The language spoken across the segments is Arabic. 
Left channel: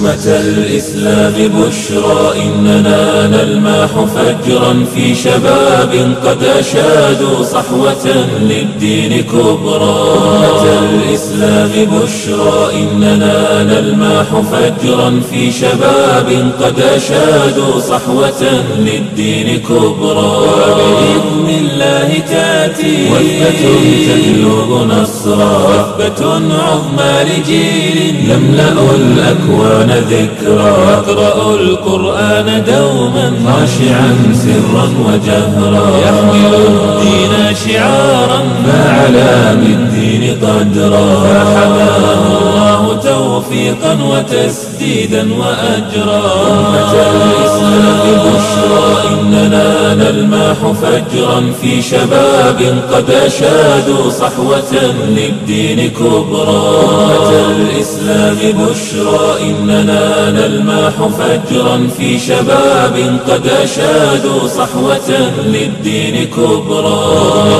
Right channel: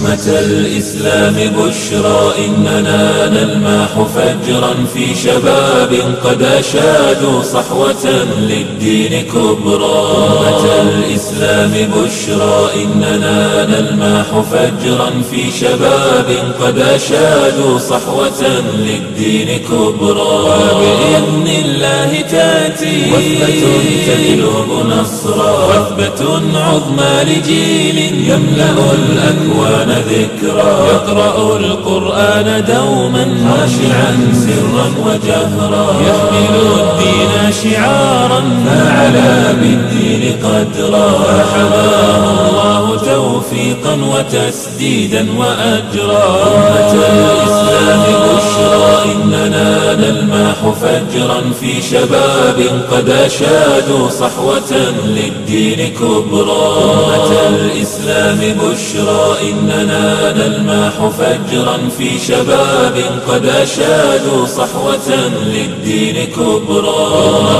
أمة الإسلام بشرى إننا نلمح فجرا في شباب قد أشادوا صحوة للدين كبرى. أمة الإسلام بشرى إننا نلمح فجرا في شباب قد أشادوا صحوة للدين كبرى. وبإذن الله تأتي وثبة تجلب نصرا، وثبة عظمى لجيل يملأ الأكوان ذكرا، يقرأ القرآن دوما خاشعا سرا وجهرا، يحمل الدين شعارا فعلى بالدين قدرا، فحماه الله توفيقا وتسديدا وأجرا. أمة الإسلام بشرى إننا نلمح فجرا في شباب قد أشادوا صحوة للدين كبرى. أمة الإسلام بشرى إننا نلمح فجرا في شباب قد أشادوا صحوة للدين كبرى.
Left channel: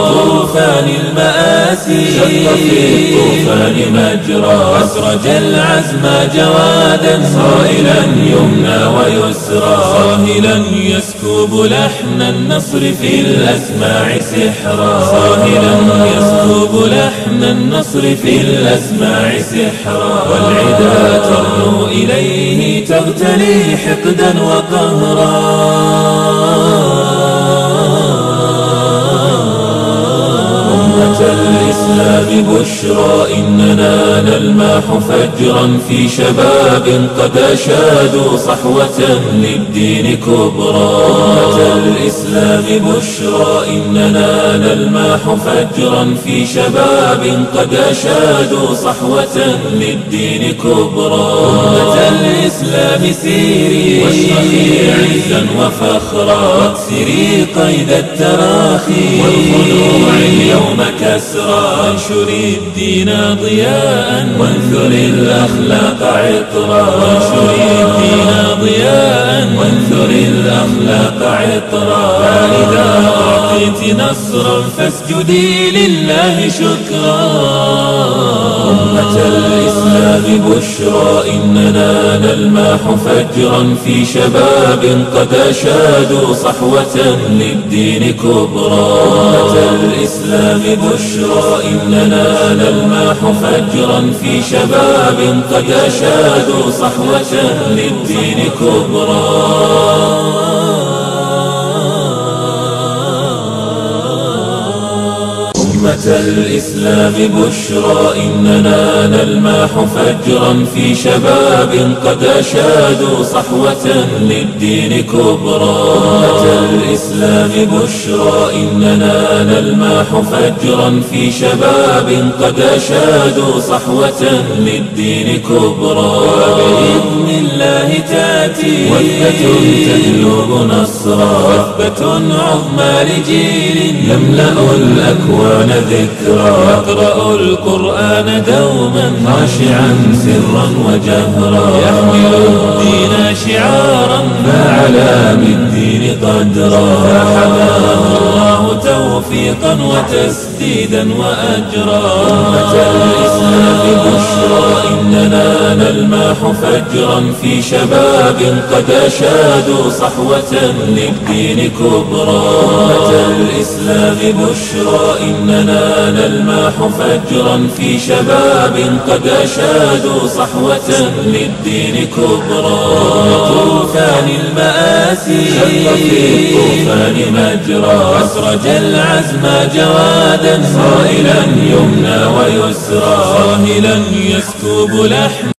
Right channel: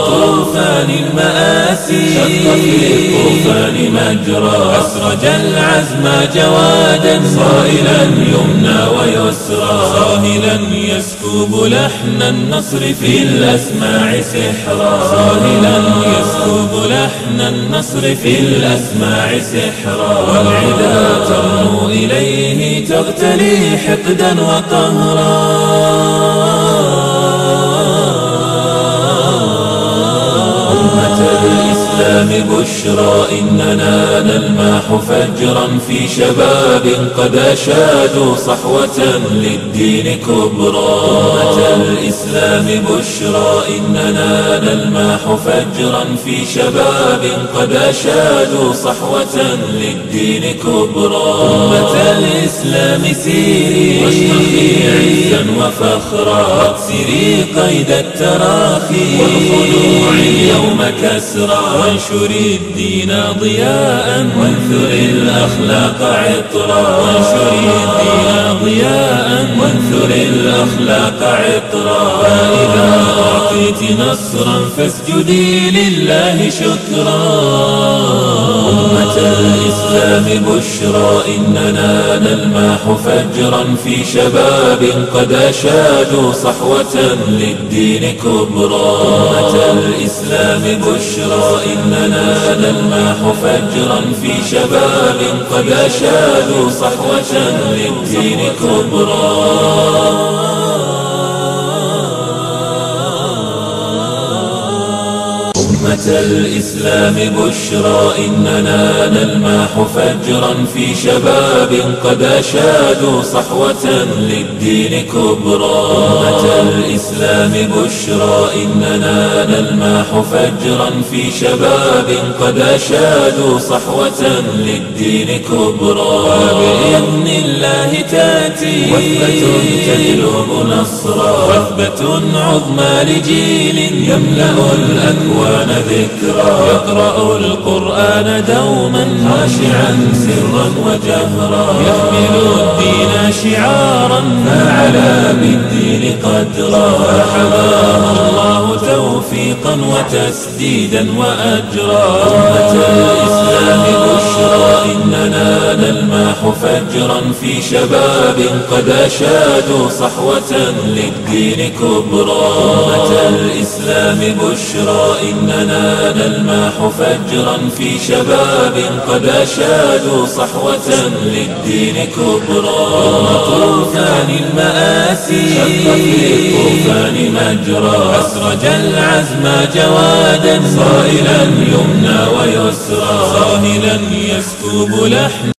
طوفان المآسي شق في الطوفان مجرى، أسرج العزم جوادا صائلا يمنى ويسرى، صاهلا يسكب لحن النصر في الأسماع سحرا، صاهلا يسكب لحن النصر في الأسماع سحرا، والعدا ترنو إليه تغتلي حقدا وقهرا. أمة الإسلام بشرى إننا نلمح فجرا في شباب قد أشادوا صحوة للدين كبرى. أمة الإسلام بشرى إننا نلمح فجرا في شباب قد أشادوا صحوة للدين كبرى. أمة الإسلام سيري واشرقي عزا وفخرا، واكسري قيد التراخي والخضوع اليوم كسرى، وانشري الدين ضياء وانثري الأخلاق عطرا، وانشري الدين ضياء وانثري الأخلاق عطرا، فإذا أعطيت نصرا فاسجدي لله شكرا. أمة الإسلام بشرى إننا نلمح فجرا في شباب قد أشادوا صحوة للدين كبرى. أمة الإسلام بشرى إننا نلمح فجرا في شباب قد أشادوا صحوة للدين كبرى. أمة الإسلام بشرى إننا نلمح فجرا في شباب قد أشادوا صحوة للدين كبرى. أمة الإسلام بشرى إننا نلمح فجرا في شباب قد أشادوا صحوة للدين كبرى. وبإذن الله تأتي وثبة تجلب نصرا، وثبة عظمى لجيل يملأ الأكوان ذكرا، يقرأ القرآن دوما خاشعا سرا وجهرا، يحمل الدين شعارا فعلى بالدين قدرا، فحماه الله توفيقا وتسديدا وأجرا. أمة الإسلام بشرى إننا نلمح فجرا في شباب قد أشادوا صحوة للدين كبرى. أمة الإسلام بشرى إننا نلمح فجرا في شباب قد أشادوا صحوة للدين كبرى. طوفان المآسي شق في الطوفان مجرى، أسرج العزم جوادا صائلا يمنى ويسرى، صاهلا يسكب لحن